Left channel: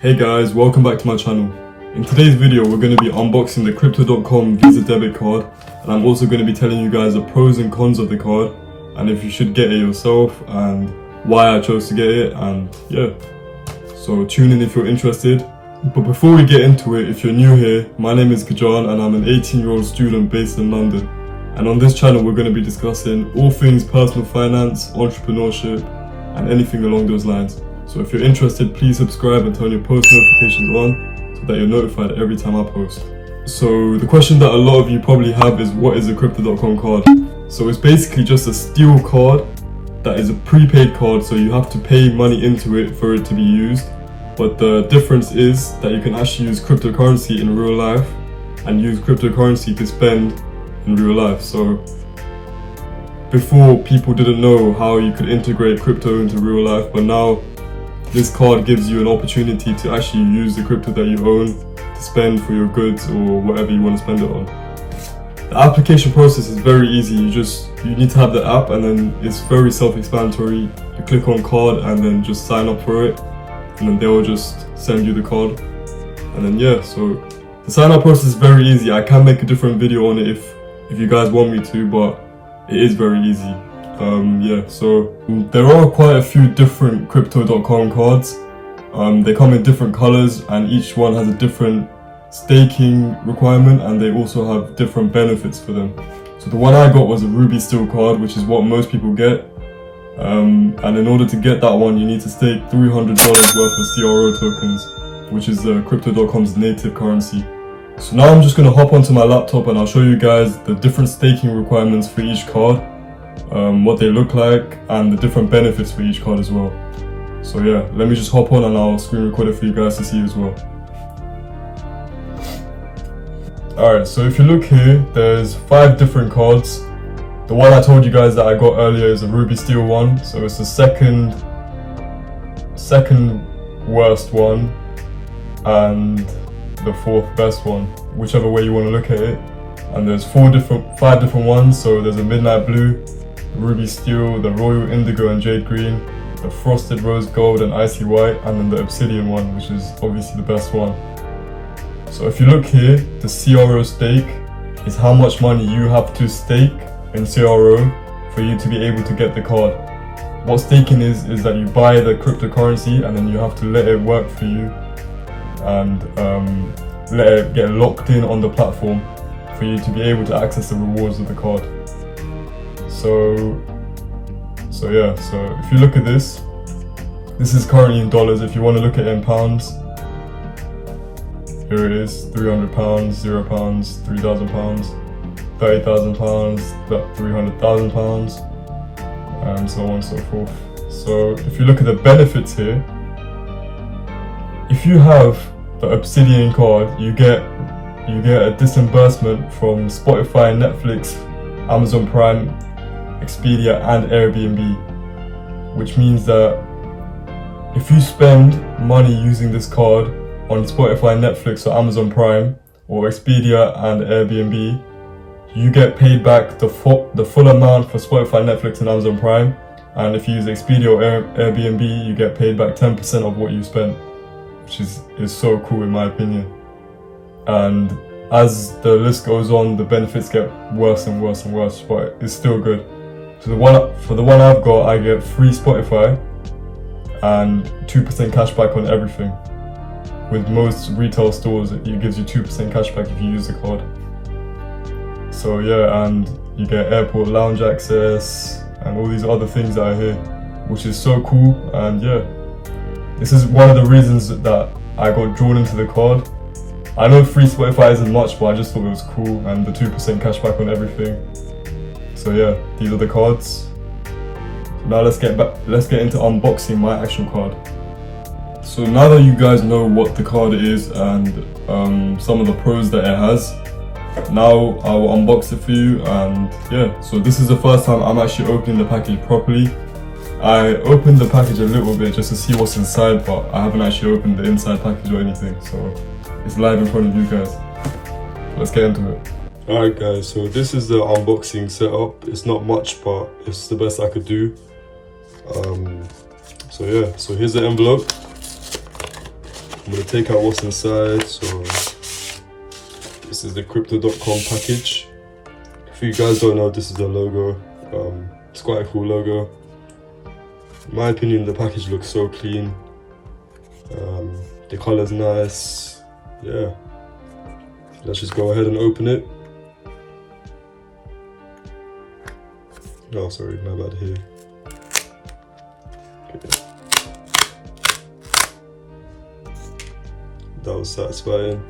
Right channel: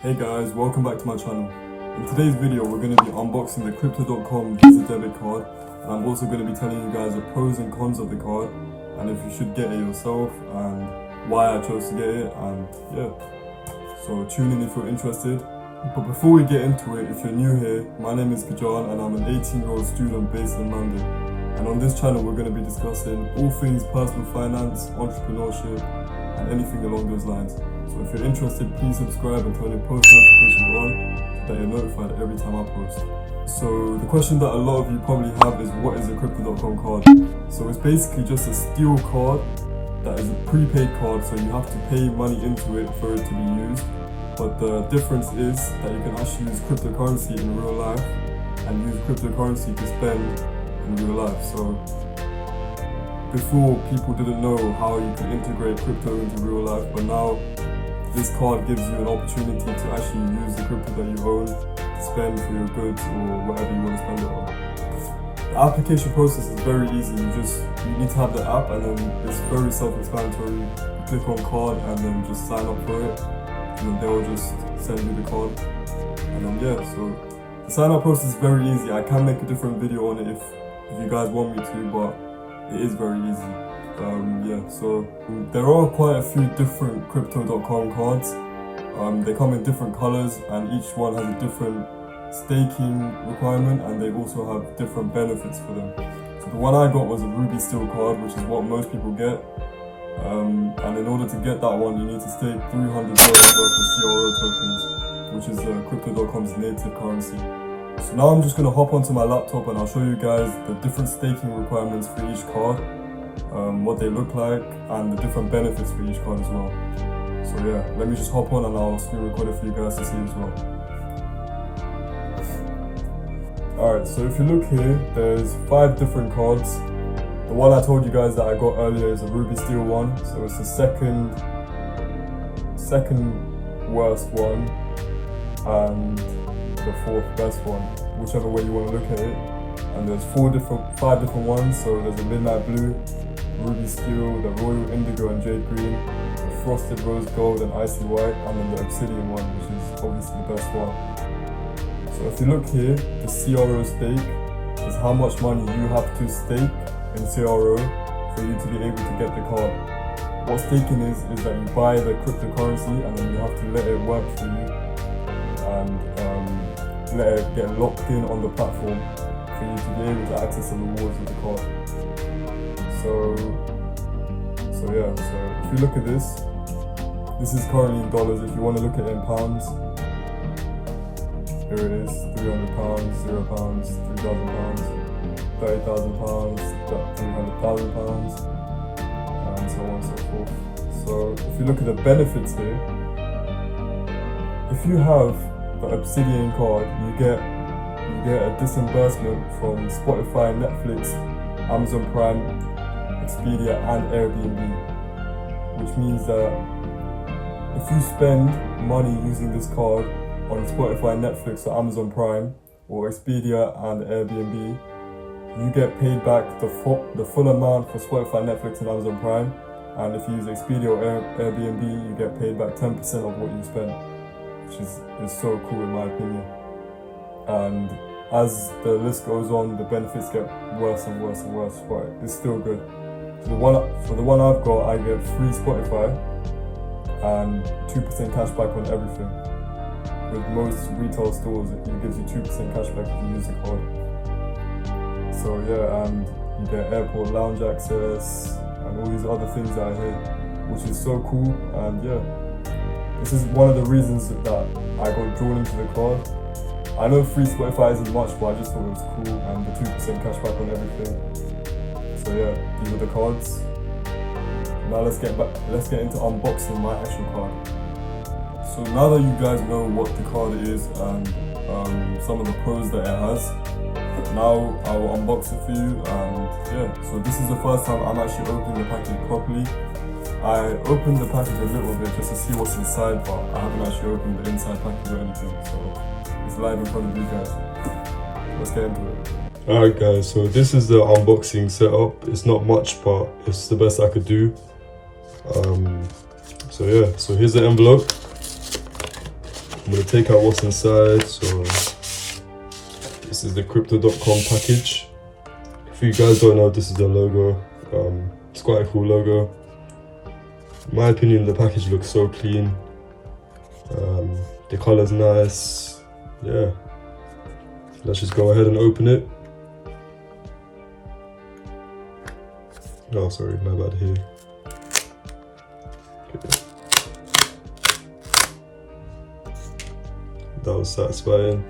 Hey guys, welcome back to my channel. In today's video we're going to be unboxing the Crypto.com Visa debit card, and I'm also going to be telling you guys the pros and cons of the card and if you should get it yourself and why I chose to get it, and yeah, so tune in if you're interested. But before we get into it, if you're new here, my name is Gajaan and I'm an 18-year-old student based in London, and on this channel we're going to be discussing all things personal finance, entrepreneurship and anything along those lines. So if you're interested, please subscribe and turn your post notifications on so that you're notified every time I post. So the question that a lot of you probably have is, what is a Crypto.com card? So it's basically just a steel card that is a prepaid card, so you have to pay money into it for it to be used. But the difference is that you can actually use cryptocurrency in real life and use cryptocurrency to spend in real life. So before, people didn't know how you could integrate crypto into real life, but now this card gives you an opportunity to actually use the crypto that you own to spend for your goods or whatever you want to spend it on. The application process is very easy. You need to have the app, and then it's very self-explanatory. You click on card and then just sign up for it, and then they will just send you the card. And then yeah, so the sign up process is very easy. I can make a different video on it if you guys want me to, but it is very easy. So there are quite a few different Crypto.com cards. They come in different colors and each one has a different staking requirement, and they also have different benefits for them. So the one I got was a Ruby Steel card, which is what most people get. And in order to get that one, you need to stake $300 worth of CRO tokens, which is Crypto.com's native currency. So now I'm just going to hop onto my laptop and I'll show you guys the different staking requirements for each card, what they look like, and the different benefits for each card as well. So yeah, let me just hop on and I'll screen record it for you guys to see as well. Alright, so if you look here, there's 5 different cards. The one I told you guys that I got earlier is a Ruby Steel one, so it's the second worst one and the 4th best one, whichever way you want to look at it. And there's 5 different ones. So there's a Midnight Blue, Ruby Steel, the Royal Indigo and Jade Green, the Frosted Rose Gold and Icy White, and then the Obsidian one, which is obviously the best one. So if you look here, the CRO stake is how much money you have to stake in CRO for you to be able to get the card. What staking is that you buy the cryptocurrency and then you have to let it work for you and let it get locked in on the platform for you to be able to access the rewards of the card. So yeah, so if you look at this is currently in dollars. If you want to look at it in pounds, here it is: £300, £0, £3,000, £30,000, £300,000, and so on and so forth. So if you look at the benefits here, if you have the Obsidian card, you get a disbursement from Spotify, Netflix, Amazon Prime, Expedia and Airbnb, which means that if you spend money using this card on Spotify, Netflix or Amazon Prime or Expedia and Airbnb, you get paid back the full amount for Spotify, Netflix and Amazon Prime, and if you use Expedia or Airbnb, you get paid back 10% of what you spent, which is so cool in my opinion. And as the list goes on, the benefits get worse and worse and worse, but it's still good. So for the one I've got, I get free Spotify and 2% cashback on everything. With most retail stores, it gives you 2% cashback if you use the card. So yeah, and you get airport lounge access and all these other things that are here, which is so cool. And yeah, this is one of the reasons that I got drawn into the card. I know free Spotify isn't much, but I just thought it was cool, and the 2% cashback on everything. So yeah, these are the cards. Now let's get into unboxing my actual card. So now that you guys know what the card is and some of the pros that it has, now I will unbox it for you. And yeah, so this is the first time I'm actually opening the package properly. I opened the package a little bit just to see what's inside, but I haven't actually opened the inside package or anything, so it's live in front of you guys. Let's get into it. Alright guys, so this is the unboxing setup. It's not much, but it's the best I could do. So yeah, so here's the envelope. I'm going to take out what's inside. So this is the crypto.com package. If you guys don't know, this is the logo. It's quite a cool logo. In my opinion, the package looks so clean. The color's nice. Yeah. Let's just go ahead and open it. Oh, sorry, my bad here. Okay. That was satisfying.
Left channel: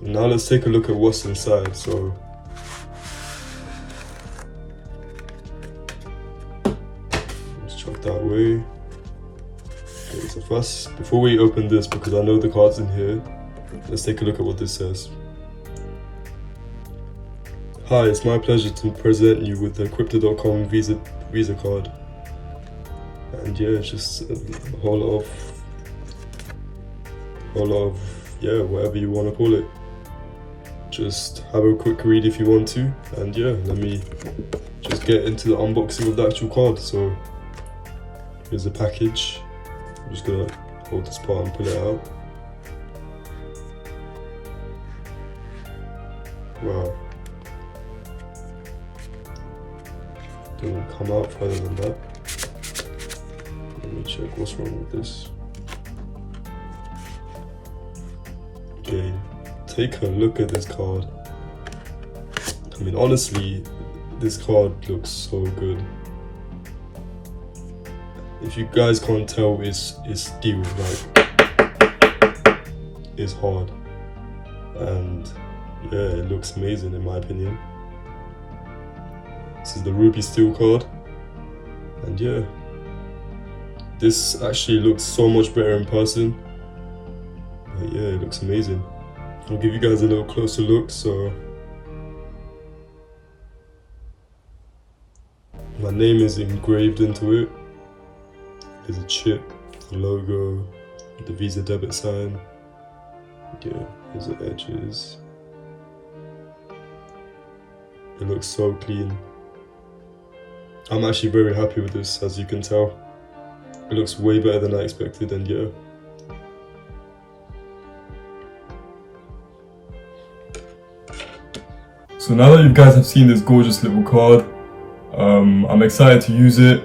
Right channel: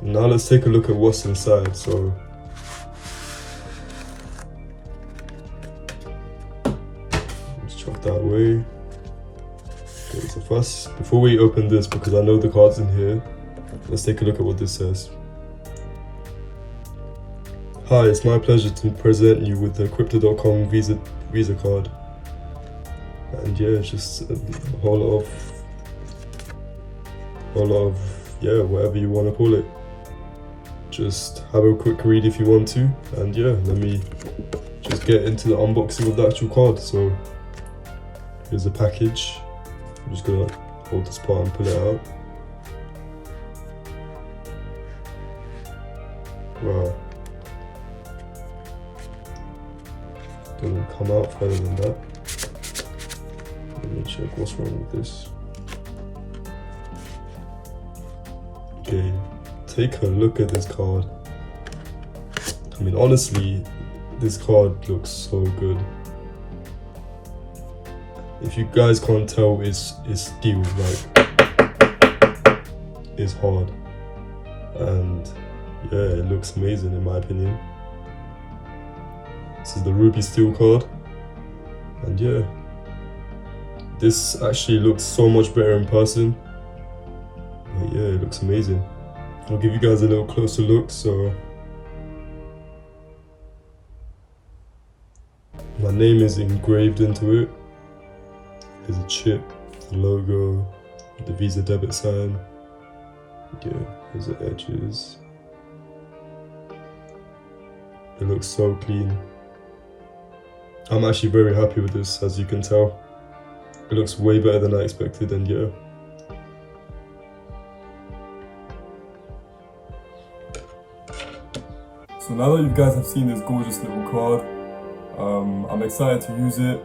Now let's take a look at what's inside. So let's chuck that away. Okay, so first, before we open this, because I know the card's in here, let's take a look at what this says. Hi, it's my pleasure to present you with the crypto.com Visa card. And yeah, just a whole lot of, yeah, whatever you want to call it. Just have a quick read if you want to. And yeah, let me just get into the unboxing of the actual card. So here's the package. I'm just gonna hold this part and pull it out. Wow. Doesn't come out further than that. Let me check what's wrong with this. Okay, take a look at this card. I mean, honestly, this card looks so good. If you guys can't tell, it's steel, like, it's hard. And yeah, it looks amazing in my opinion. This is the ruby steel card, and yeah, this actually looks so much better in person. But yeah, it looks amazing. I'll give you guys a little closer look. So my name is engraved into it. There's a chip, the logo, the Visa debit sign. Yeah, there's the edges. It looks so clean. I'm actually very happy with this, as you can tell. It looks way better than I expected, and yeah. So now that you guys have seen this gorgeous little card, I'm excited to use it.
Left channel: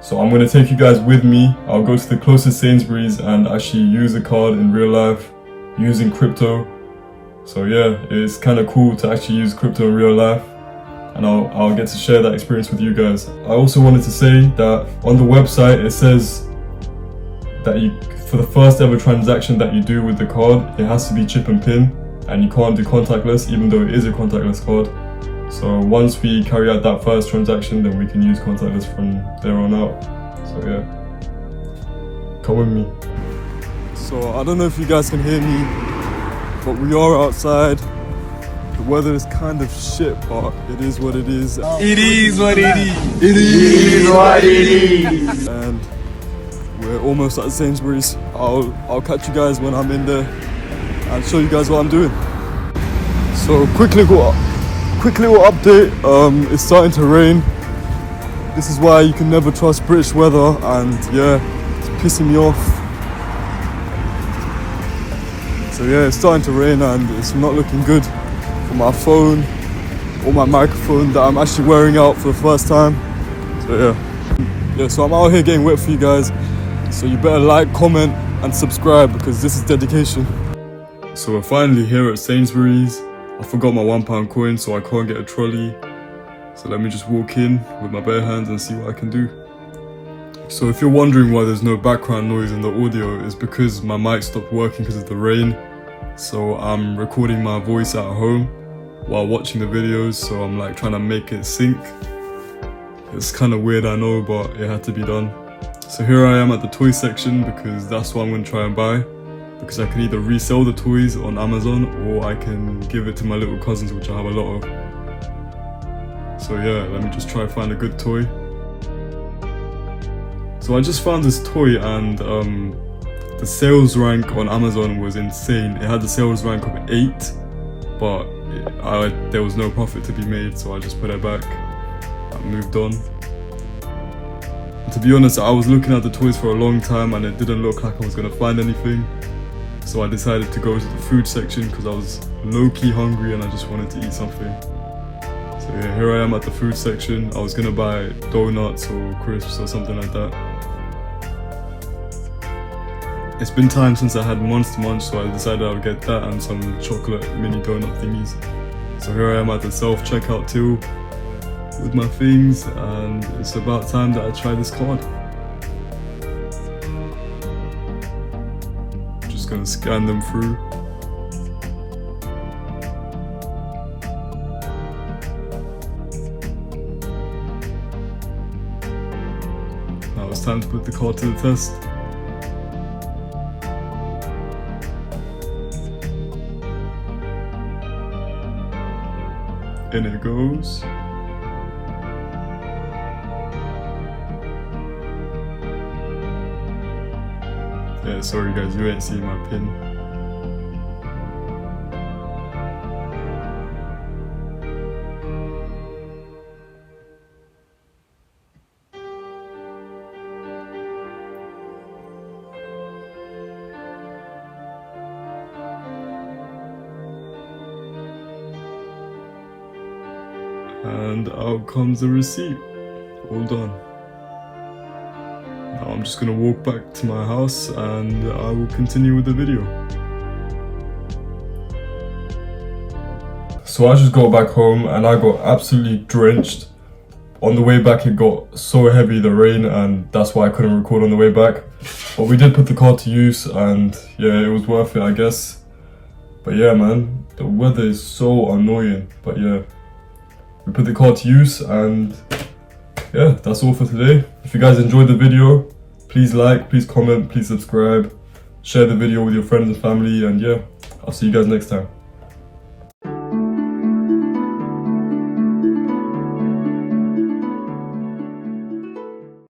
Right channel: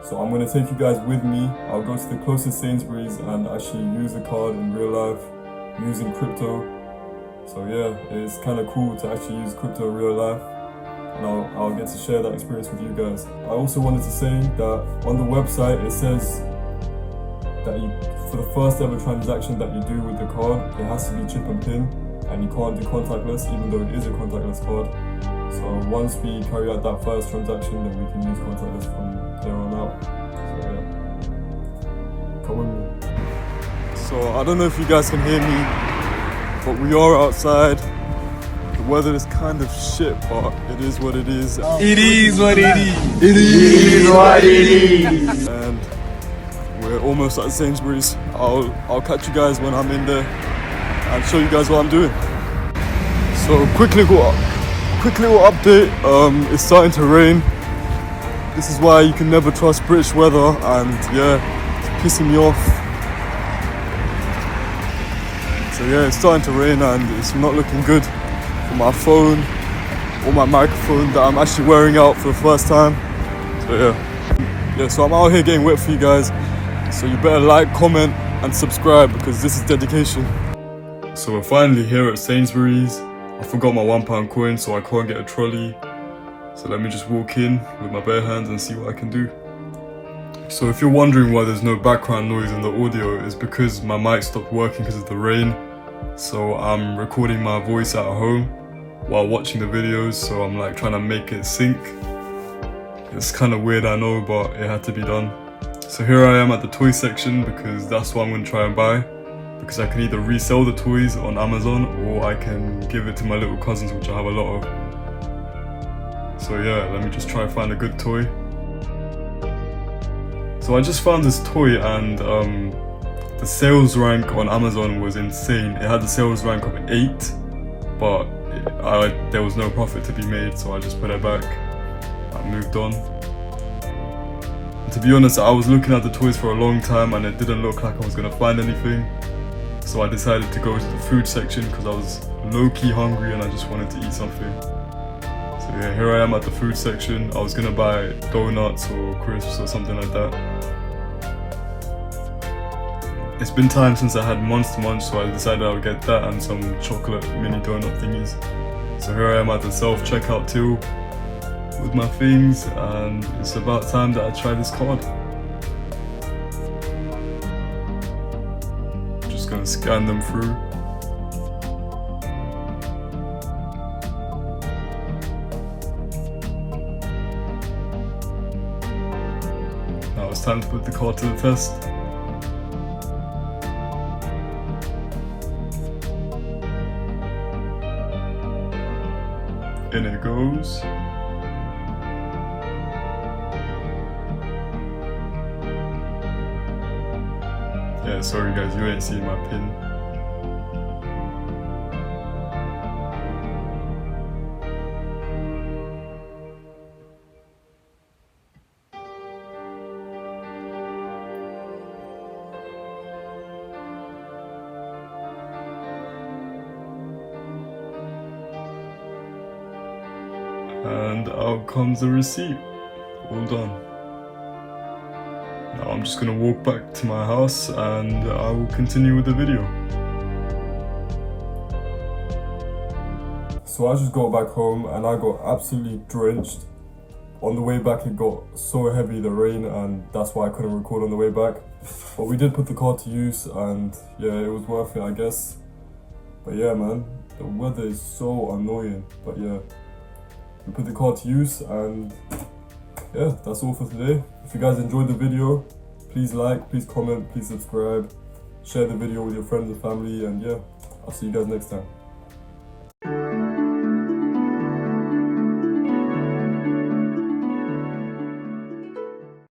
So I'm going to take you guys with me. I'll go to the closest Sainsbury's and actually use the card in real life using crypto. So yeah, it's kind of cool to actually use crypto in real life. And I'll get to share that experience with you guys. I also wanted to say that on the website it says that for the first ever transaction that you do with the card, it has to be chip and pin, and you can't do contactless, even though it is a contactless card. So once we carry out that first transaction, then we can use contactless from there on out. So yeah, come with me. So I don't know if you guys can hear me, but we are outside. The weather is kind of shit, but it is what it is. It is what it is. It is what it is. And we're almost at Sainsbury's. I'll catch you guys when I'm in there and show you guys what I'm doing. So quick little update. It's starting to rain. This is why you can never trust British weather, and yeah, it's pissing me off. So yeah, it's starting to rain and it's not looking good for my phone or my microphone that I'm actually wearing out for the first time. So yeah, so I'm out here getting wet for you guys. So you better like, comment and subscribe, because this is dedication. So we're finally here at Sainsbury's. I forgot my £1 coin, so I can't get a trolley. So let me just walk in with my bare hands and see what I can do. So if you're wondering why there's no background noise in the audio, it's because my mic stopped working because of the rain. So I'm recording my voice at home while watching the videos, so I'm like trying to make it sync. It's kind of weird, I know, but it had to be done. So here I am at the toy section, because that's what I'm going to try and buy. Because I can either resell the toys on Amazon, or I can give it to my little cousins, which I have a lot of. So yeah, let me just try and find a good toy. So I just found this toy, and the sales rank on Amazon was insane. It had the sales rank of 8, but there was no profit to be made, so I just put it back and moved on. To be honest, I was looking at the toys for a long time and it didn't look like I was going to find anything. So I decided to go to the food section because I was low-key hungry and I just wanted to eat something. So yeah, here I am at the food section. I was gonna buy donuts or crisps or something like that. It's been time since I had Monster Munch, so I decided I would get that and some chocolate mini donut thingies. So here I am at the self-checkout till with my things, and it's about time that I try this card. Just gonna scan them through. Now it's time to put the card to the test. In it goes. Yeah, sorry guys, you ain't seeing my pin. And out comes the receipt. All done. Now I'm just gonna walk back to my house and I will continue with the video. So I just got back home and I got absolutely drenched. On the way back it got so heavy, the rain, and that's why I couldn't record on the way back. But we did put the car to use and yeah, it was worth it, I guess. But yeah man, the weather is so annoying. But yeah, we put the car to use and yeah, that's all for today. If you guys enjoyed the video, please like, please comment, please subscribe, share the video with your friends and family, and yeah, I'll see you guys next time.